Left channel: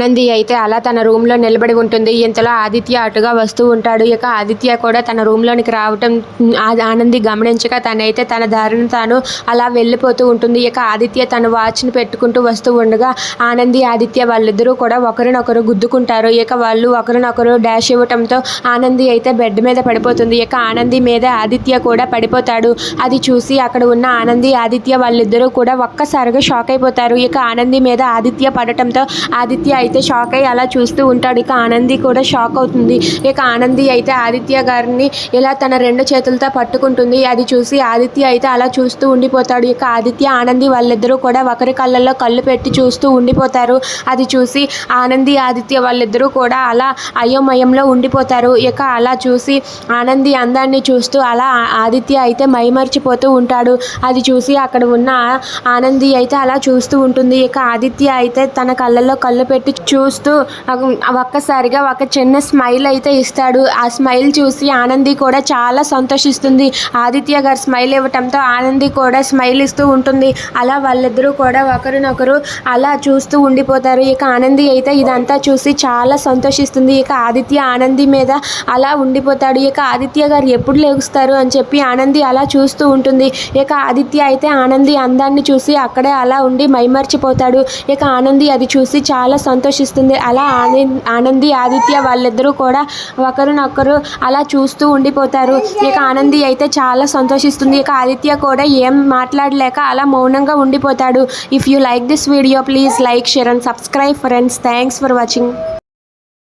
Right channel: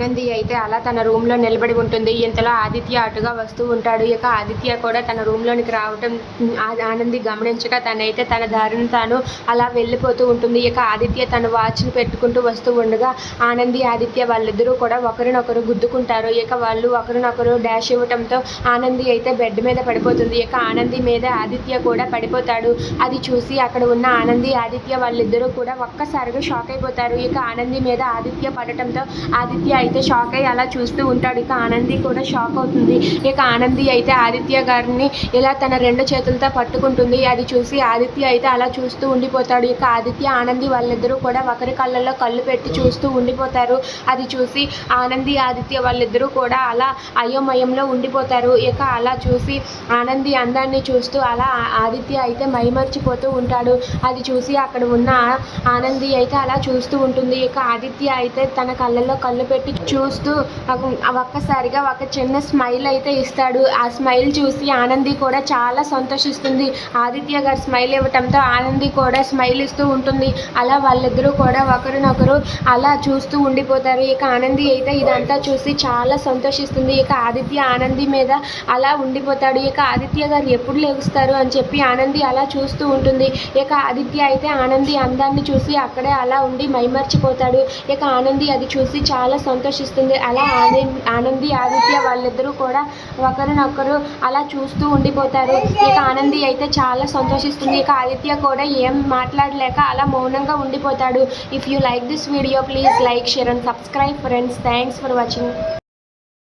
ఆనంది అయితే అలా తన రూమ్లో నిలబడి ఉంటుంది. ఇంతలో ఆదిత్య అటుగా వస్తూ ఉంటాడు. ఇక ఆదిత్య కూడా తన రూమ్లోనికి రావటం ఆనంది గమనించక తనైతే తన దారిని తాను అలా వెళ్ళిపోతూ ఉంటుంది. ఇక ఆదిత్య తన వాచ్ని పెట్టుకుంటూ వస్తూ ఉండగా ఆనంది ఆదిత్య వాళ్ళిద్దరూ కూడా ఒకరినొకరు గుద్దుకుంటారు. ఇక వాళ్ళు ఒకరినొకరు డాష్ ఇవ్వటంతో ఆనంది అయితే బెడ్ మీద పడిపోతుంది. ఇక ఆనంది మీద ఆదిత్య కూడా పడిపోతాడు. అది చూసి అక్కడ ఉన్న ఆనంది ఆదిత్య వాళ్ళిద్దరూ కూడా ఒక్కసారిగా షాక్ అయిపోతారు. ఇక ఆనంది మీద ఆదిత్య పడటంతో ఆదిత్య అయితే షాక్ అయ్యి అలా చూస్తూ ఉంటాడు. ఇక ఆనంది కూడా షాక్ అవుతుంది. ఇక ఆనంది అయితే ఆదిత్య గారిని ఇలా తన రెండు చేతులతో పట్టుకుంటుంది. అది చూసి ఆదిత్య అయితే అలా చూస్తూ ఉండిపోతాడు. ఇక ఆదిత్య ఆనంది వాళ్ళిద్దరూ కూడా ఒకరి కళ్ళల్లో కళ్ళు పెట్టి చూస్తూ ఉండిపోతారు. అది చూసి ఆనంది ఆదిత్య వాళ్ళిద్దరూ కూడా అలా అయోమయంలో ఉండిపోతారు. ఇక అలా చూసి ఆనంది అందాన్ని చూస్తూ అలా ఆదిత్య అయితే మైమర్చిపోతూ ఉంటాడు. అది చూసి అక్కడ ఉన్న ఆనంది అయితే అలా చూస్తూ ఉంటుంది. ఇక ఆదిత్య అయితే తన కళ్ళల్లో కళ్ళు పెట్టి చూస్తూ ఒక్కసారిగా ఒక చిన్న స్మైల్ అయితే ఇస్తాడు. ఆ స్మైల్ చూసి ఆనంది కూడా చాలా సంతోషిస్తుంది. ఆదిత్య గారు స్మైల్ ఇవ్వటంతో ఆనంది కూడా స్మైల్ ఇస్తూ ఉంటుంది. అలా వాళ్ళిద్దరూ కూడా ఒకరినొకరు అలా చూస్తూ ఉండిపోతారు. ఇక ఆనంది అయితే ఇదంతా చూసి చాలా సంతోషిస్తుంది. ఇక ఆదిత్య ఆనంది మీద అలా ఉండిపోతాడు. ఇక ఆదిత్య గారు ఎప్పుడు లేగుస్తారు అని చెప్పి ఆనంది అలా చూస్తూ ఉంటుంది. ఇక ఆదిత్య అయితే ఆనంది అందాన్ని చూసి అక్కడే అలా ఉండి మైమర్చిపోతాడు. ఇక ఆనంది అది చూసి చాలా సంతోషిస్తుంది. అలా ఆనంది ఆదిత్య వాళ్ళిద్దరూ కూడా ఒకరినొకరు అలా చూస్తూ ఉండిపోతారు. ఇక ఆనంది అయితే చాలా సంతోషిస్తుంది. ఇక ఆదిత్య కూడా ఏం మాట్లాడలేక అలా మౌనంగా ఉండిపోతాడు. If you like this video please like, share and subscribe friends. Thanks for watching.